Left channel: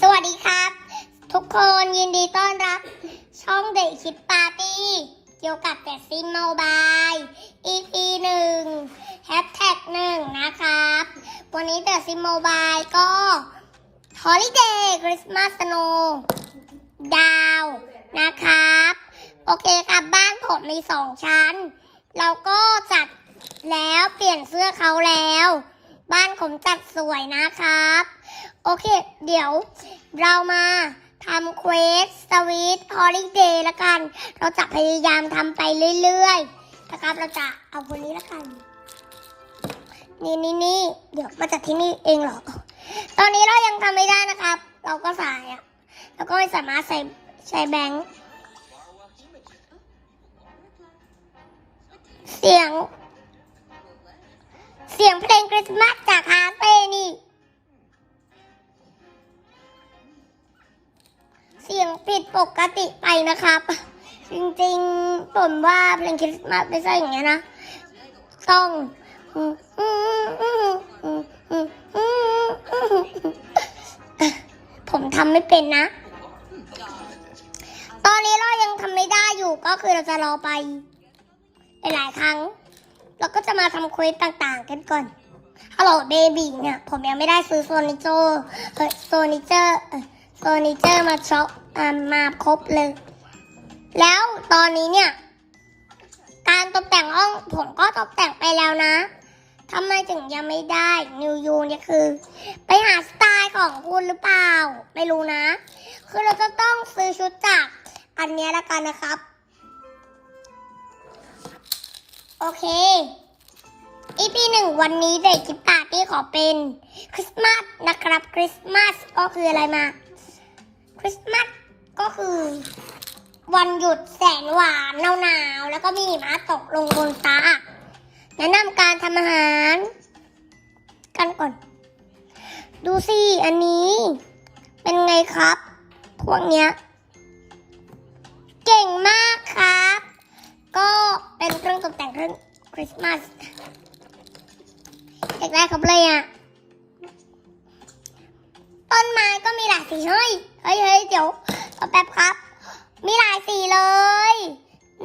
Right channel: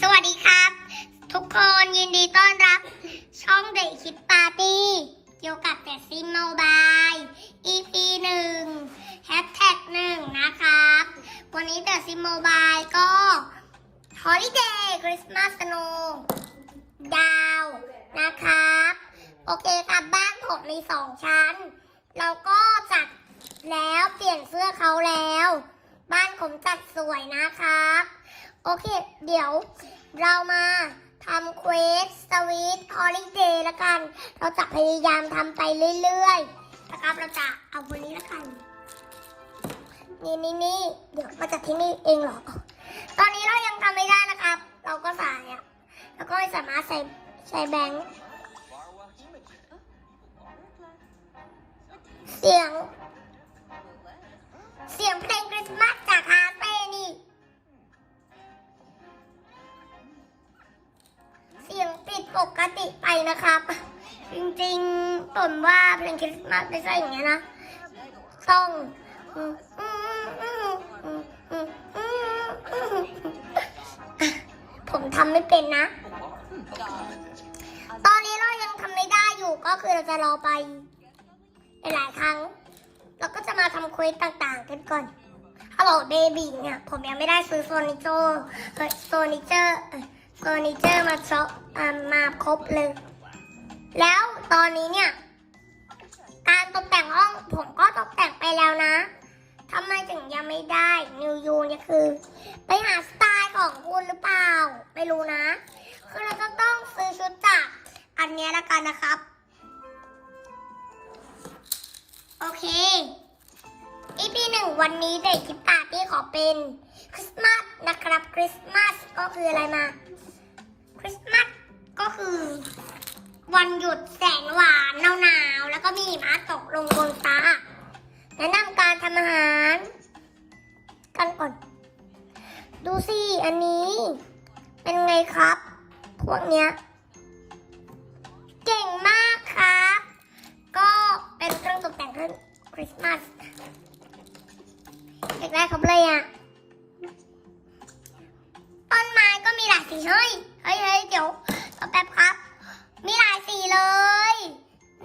สวัสดีครับ ทุกคนยินดีต้อนรับ ช่องเด็กคิดปาร์ตี้เกี่ยวกับแต่ซิมโมบาย EP หนึ่งแฮชแท็กหนึ่งนะครับ วันนี้เดอะซิมโมบายก็ฮอลิเดย์คริสต์มาสโนดาวนะครับ โอเคครับบ้านผมมีสองชั้น เราก็จัดแล้วเปลี่ยนเสื้อเขาแล้ว บ้านผมจัดสวยนะครับ โอเค เดี๋ยวเรามาทำเควสสวีทฮอลิเดย์ละกัน เราจะพยายามทำไปเรื่อยๆนะครับเราจะเอาบนนี้ละกัน นี่นี่นี่เดี๋ยวมาจากที่นี่เองหรอ ตอนนี้เรายังทำไม่ได้นะครับ เราก็ส่อะแล้วก็ไม่สามารถใส่ใช้แบงค์เสียง เสียงเพลงคริสต์มาสจากฮาร์เฟ่นี่ ผิดปกติไปนะครับ จริงๆผมว่าเพลงคริสต์มาสไม่ใช่อย่างนี้นะ ต้องผมทำไม่เป็นนะ ตอนนี้เรายังทำไม่ได้อยู่ก็คือเราจะรอไปหลายครั้ง เราก็จะมาทำควสต่างๆ กันก่อนฮัลโหลเบบี้เนี่ย ผมยังไม่ได้ซื้อโซนิเจอร์โซนิเจอร์ เอ่อโซนิเจอร์มาช็อปอ่ามาครบเลย แล้วตอนนี้เนี่ย การตกแต่งห้องผมก็ตกแต่งไปแล้วนะทำไมถึงยังไม่ได้นิวยูเนี่ยคือ ไปหาสไตล์ของคุณหรือเปล่า ไม่รู้นะ คือเราจะต้องซื้อชุดจากอันนี้ละกันนะครับ โอเคอีพีหนึ่งวันนี้เด็กคิดปาร์ตี้ขอเป็นคริสต์มาสนะครับคริสต์มาสก็คืออะไรมา คริสต์มาสก็คือ วันหยุดแสนหวานหนาวๆแล้วก็มีหิมะตกลงบนฟ้า แนะนำการทำอาหาร กันก่อน ดูสิอันนี้ เป็นไงครับ พวกเนี้ย เก่งมากครับ ก็เป็นเครื่องตกแต่งเครื่องคริสต์มาสเด็กได้ครบเลยอะต้นไม้ก็มีหลายสีเฮ้ย เฮ้ยเฮ้ยเดี๋ยวรอแป๊บครับ มีหลายสีเลย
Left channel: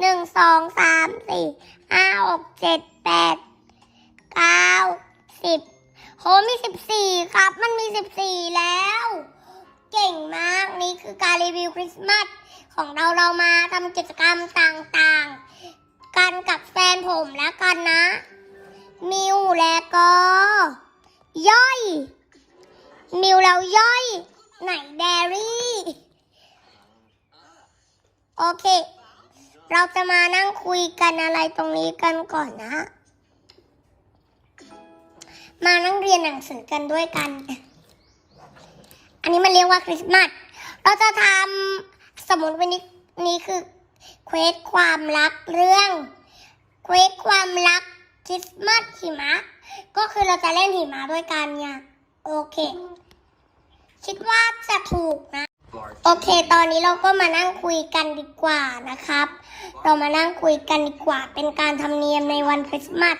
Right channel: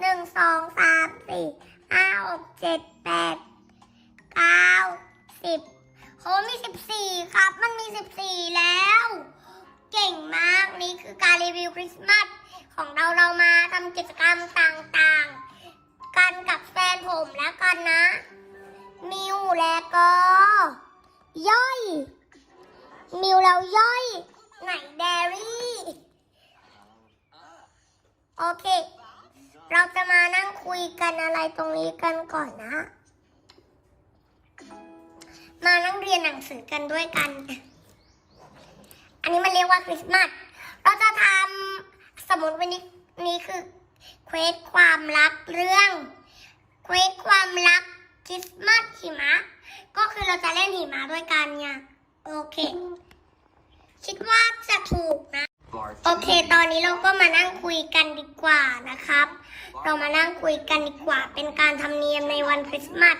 หนึ่งสองสามสี่ห้าหกเจ็ดแปดเก้าสิบโหมีสิบสี่ครับ มันมีสิบสี่แล้ว เก่งมากนี่คือการรีวิวคริสต์มาสของเราเรามาทำกิจกรรมต่างๆ กันกับแฟนผมแล้วกันนะ มิวและก็ ย่อย มิวแล้วย่อย หนแดรี่ โอเค เราจะมานั่งคุยกันอะไรตรงนี้กันก่อนนะ มานั่งเรียนหนังสือกันด้วยกัน อันนี้มันเรียกว่าคริสต์มาส เราจะทำสมมติวันนี้นี้คือเควสความรักเรื่องเควสความรักคริสต์มาสหิมะ ก็คือเราจะเล่นหิมะด้วยกันเนี่ย โอเค คิดว่าจะถูกนะ โอเค ตอนนี้เราก็มานั่งคุยกันดีกว่านะครับ เรามานั่งคุยกันดีกว่า เป็นการทำเนียมในวันคริสต์มาส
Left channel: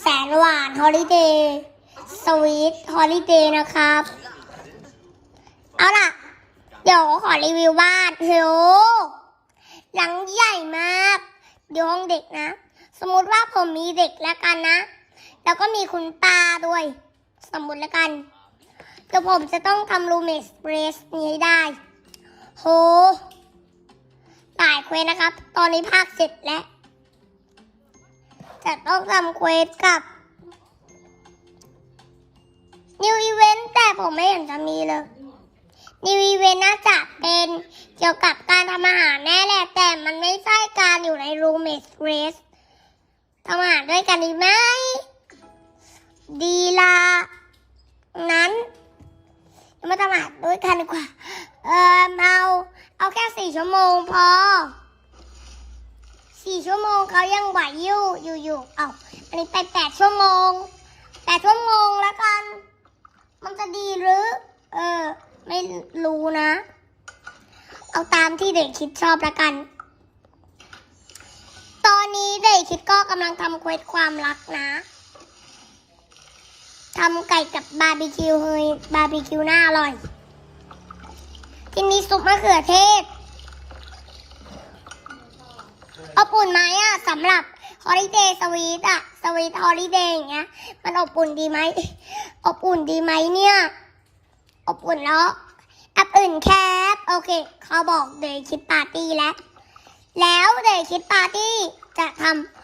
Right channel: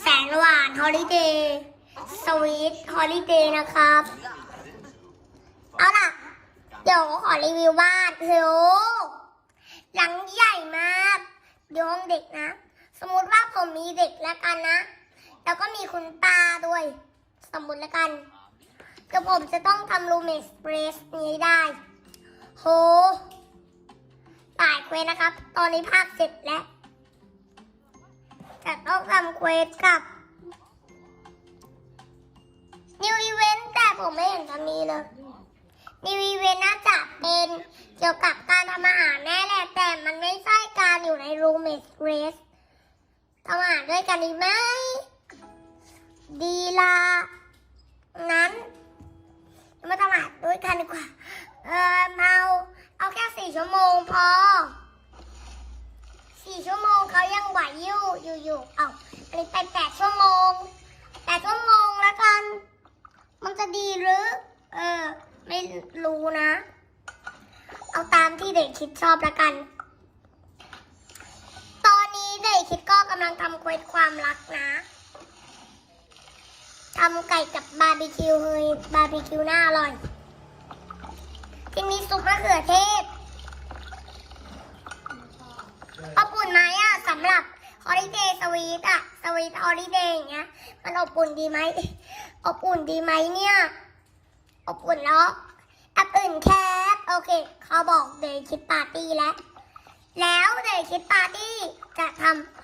แสนหวานฮอลิเดย์สวีทฮอลิเดย์นะครับ เอาล่ะ เดี๋ยวขอรีวิวบ้านโหหลังใหญ่มากเดี๋ยวห้องเด็กนะ สมมติว่าผมมีเด็กแล้วกันนะ แล้วก็มีคุณตาด้วย สมมติแล้วกัน เดี๋ยวผมจะต้องทำรูเมสเรสนี้ได้ โหหลายเควสนะครับ ตอนนี้ภาคเสร็จแล้ว จะต้องทำเควสกับ New Event แต่ผมไม่เห็นจะมีเลย New Event น่าจะเป็นเกี่ยวกับการทำอาหารแน่แหละ แต่มันไม่ใช่การอยู่ใน roommate race ทำอาหารด้วยกันดีไหม ดีละนั้น ไมาทำอาหาด้วยกันดีกว่า เออเอาเอาแค่สี่ชั่วโมงพอสี่ชั่วโมงเขายังไหวอยู่อยู่อยู่เอาอันนี้ไปแปดชั่วโมงแปดชั่วโมงแล้วกัน มันจะดีหรือ เออ ไม่รู้นะ เอาตามที่เด็กคิดชอบแล้วกัน ตอนนี้เด็กคิดก็กำลังทำเควสความรักนะ ทำไก่กับบาร์บีคิวเฮ้ยบาร์บีคิวน่าอร่อยกินนี้ซุปมะเขือเทศอบอุ่นไหมอะสำหรับฮอลิเดย์สวีทอะสวีทฮอลิเดย์อย่างเงี้ย มันอบอุ่นดีไหมอบอุ่นดีไหมเนี่ย อบอุ่นเนาะแอปอื่นแคปโอเค เขาบอกเดย์คิดปาร์ตี้แล้ว แล้วเดย์คิดปาร์ตี้จะทำ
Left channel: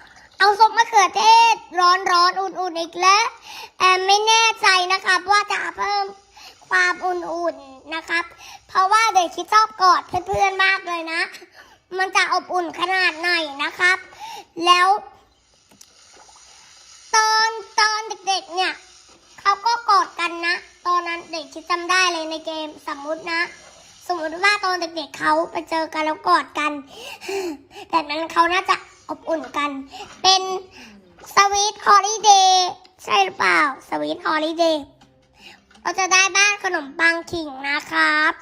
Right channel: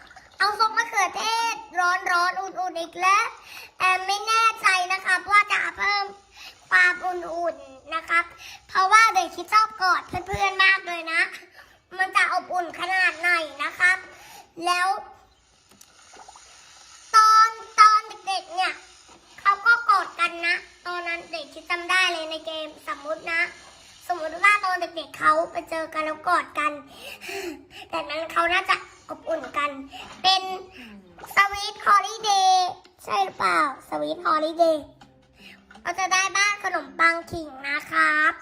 เอาซุปมะเขือเทศ ร้อนร้อนๆอุ่นๆอีกแล้วแอมไม่แน่ใจนะครับว่าจะเพิ่มความอุ่นๆนะครับ เพราะว่าเดย์คิดชอบกอดเพื่อนๆมากเลยนะ มันจะอบอุ่นขนาดไหนนะครับ แล้ว ตอนตอนเด็กๆเนี่ยเขาก็กอดกันนะ ตอนนั้นเด็กคิดจำได้เลยในเกมสมมุตินะ สมมติว่าตอนเด็กๆเขาไปเจอกันแล้วกอดกัน แต่นั้นเขาน่าจะ อบอุ่นกัน เป็นสวีทฮอลิเดย์ใช่หรือเปล่าสวีทฮอลิเดย์เราจะได้บ้านขนมปังขิงนะครับ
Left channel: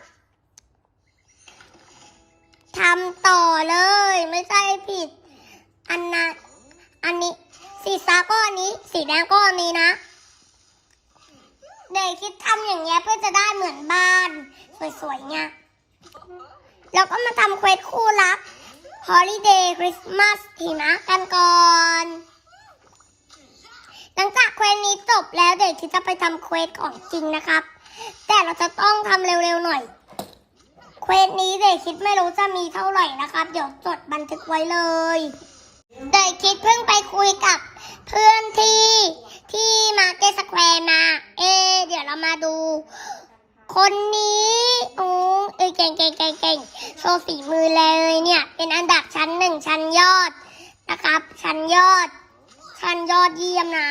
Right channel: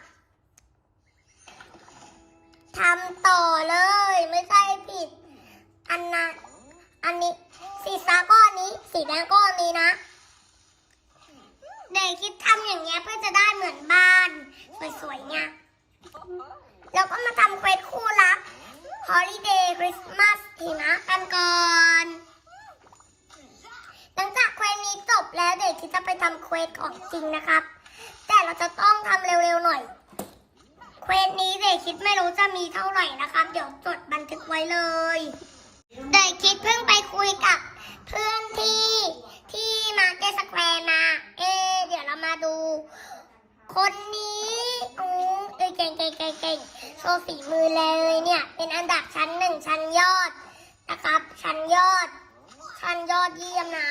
ทำต่อเลยไม่ใช่ผิด อันนั้นอันนี้ สีฟ้าก็อันนี้ สีแดงก็อันนี้นะเด็กคิดทำอย่างเงี้ยเพื่อจะได้เหมือนบ้านสวยๆเนี่ยแล้วก็มาทำเควสคู่รั ก Holiday Christmas ทีนะกันก่อน หลังจากเควสนี้จบแล้วเด็กคิดจะไปทำเควสของจริงนะครับ แต่เราจะต้องทำเร็วๆหน่อย เควสนี้เด็กคิดไม่รู้จะมีเท่าไหร่นะครับ เดี๋ยวจดบันทึกไว้เลยเด็กคิดเพิ่งไปคุยกับเพื่อนที่ที่มาเกสแควร์มา เอ เดี๋ยวเรามาดู คนนี้โอ้เอยเก่งเก่งเก่งเก่ง โชว์ฝีมือเลยเนี่ย เป็นอันดับชั้นหนึ่งชั้นยอดนะครับ ชั้นยอด ชั้นยอดเยี่ยมนะ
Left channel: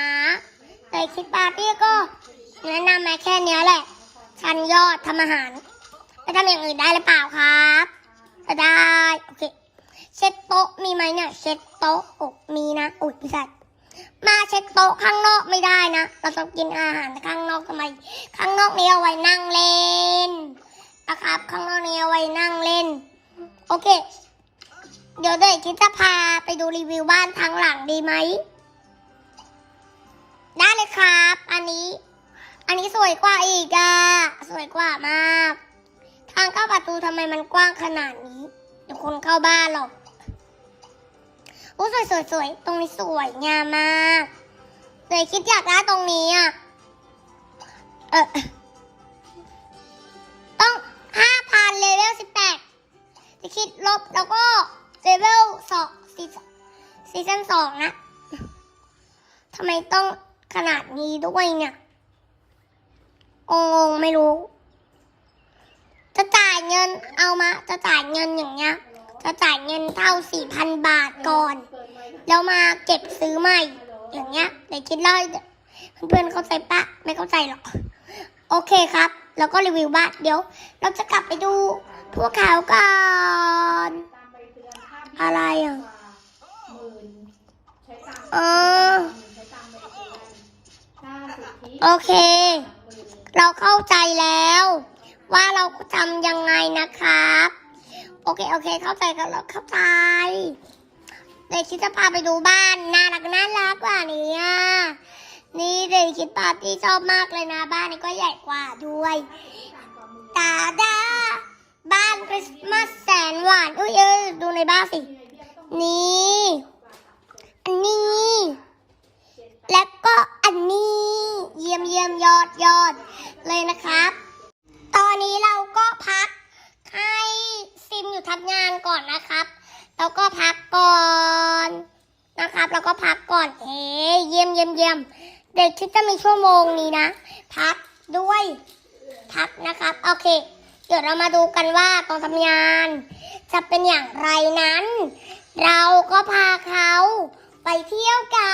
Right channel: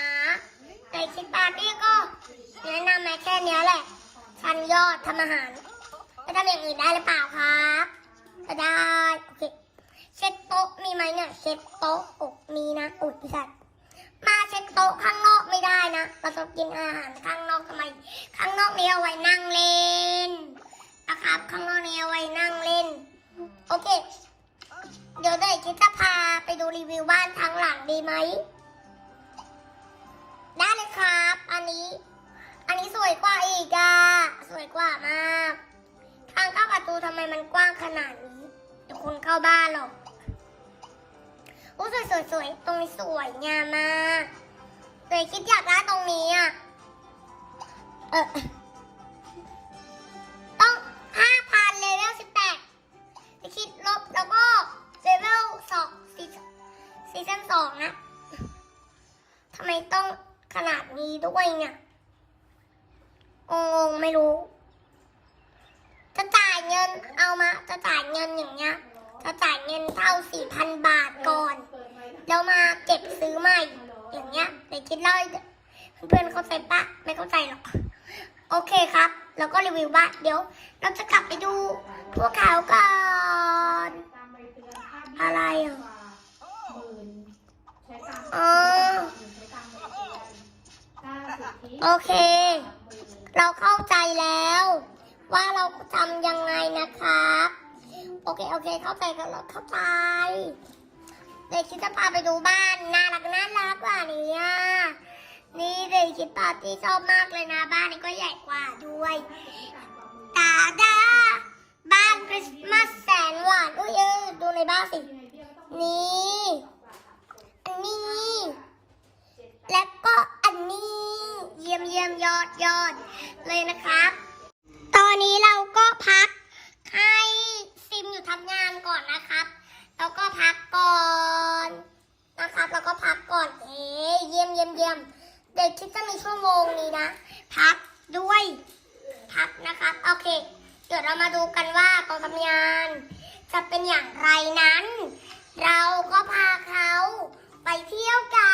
แต่คิดปาร์ตี้ก็แนะนำมาแค่นี้แหละ ชั้นยอดทำอาหารจะทำอย่างอื่นได้หรือเปล่าครับได้โอเคเช็ดโต๊ะมีไหมเนี่ย เช็ดโต๊ะอกมีนะอุดสัตว์มาเช็ดโต๊ะข้างนอกไม่ได้นะเราต้องกินอาหารข้างนอกทำไม ข้างนอกนี้เอาไว้นั่งเล่น นะครับ ข้างนอกนี้เอาไว้นั่งเล่น โอเค เดี๋ยวเด็กคิดจะพาไปดูรีวิวบ้านทางหลังดีไหมได้เลยครับ อันนี้ อันนี้สวยกว่าอีกอะสวยกว่ามาก ทางเข้าประตูทำไมมันกว้างขนาดนี้เดี๋ยวคนเข้าบ้านหรอกโอ้สวยสวยสวยตรงนี้สวยงามมากเลยคิดอยากได้ตรงนี้อะเออ คิดลบแล้วก็เลเวลสองซีซั่นสองนะทำไมต้องขนาดนี้ด้วยเนี่ยงงๆไม่รู้ จะจ่ายเงินเอามา จะจ่ายเงินอย่างเงี้ย จะจ่ายเงินเท่าสี่พันบาทก่อน แล้วมาเก็บซื้อใหม่ อย่างเงี้ยเดี๋ยวคิดเลยเพื่อนเข้าใจปะไม่เข้าใจหรอก โอเคครับ แล้วก็รีวิวบ้านเดี๋ยว เราจะกลับไปดู พวกเขาก่อน อะไรอะเออโอเค เราเข้าใจแล้ว ว่าเราทำยังไงนะครับ โอเค โอเค เข้าใจกันแล้วเข้าใจเด็กคิดจะพาไปดูบ้านน่ารักน่ารักกว่านี้อ่นี่เด็กคิดปาร์ตี้ชอบมากเลยนะบ้านนี้ก็ใหญ่กว่าด้วยตาดา บ้านคริสต์มาสแสนหวานอุ้ยเอ้ยดูในบ้านสิ นี่ อันนี้ แล้วก็อันนี้ เยี่ยมเยี่ยมยอดยอดเลยนะครับ ตอนนี้เราก็พักให้ซิมอยู่ทำงานก่อนนะครับ แล้วก็พักก่อนนะครับ แล้วก็พักก่อน เอ๊เยี่ยมเยี่ยมเยี่ยมเด็กคิดจะมีชั่วโมงนี้นะ พักด้วย พักนะครับ โอเค เดี๋ยวเรามาดูกันว่าตอนทำงาน จะเป็นอย่างไรนั้น เราก็พาเขาไปเที่ยวกั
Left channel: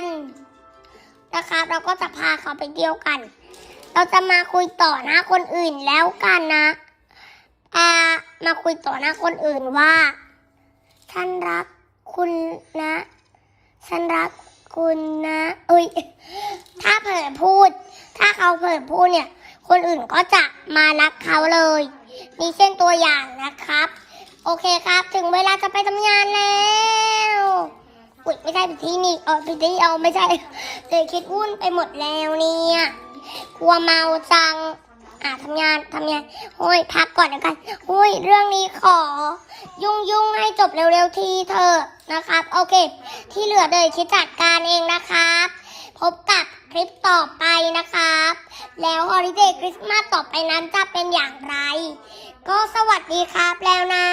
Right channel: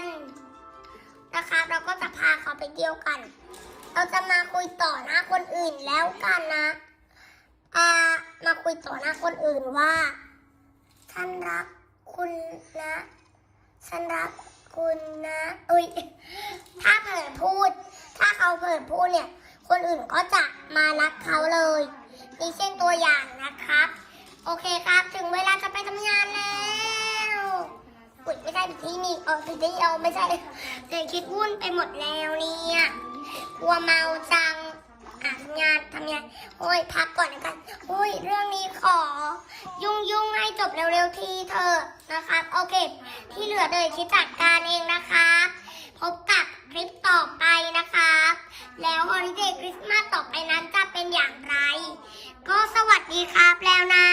นนะครับเราก็จะพาเขาไปเที่ยวกัน เราจะมาคุยต่อหน้าคนอื่นแล้วกันนะอามาคุยต่อหน้าคนอื่นว่าฉันรักคุณนะฉันรักคุณนะเอ้ยถ้าเผลอพูด ถ้าเขาเผลอพูดเนี่ย คนอื่นก็จะมารักเขาเลย นี่เช่นตัวอย่างนะครับ โอเคครับ ถึงเวลาจะไปทำงานแล้วอุ๊ยไม่ใช่ผิดที่นี่เอาผิดที่เอาไม่ใช่เด็กคิดวุ่นไปหมดแล้วเนี่ยกลัวเมาจังอ่าทำงานทำงานโอ้ยพักก่อนนะคะโอ้ยเรื่องนี้ขอ ยุ่งยุ่งให้จบเร็วๆทีเถอะนะครับ โอเค ที่เหลือเดยคิดจัดการเองนะครับ พบกับ คลิปต่อไปนะครับแล้วฮอลิเดย์คริสต์มาสต่อไปนั้นจะเป็นอย่างไร ก็สวัสดีครับแล้วนะ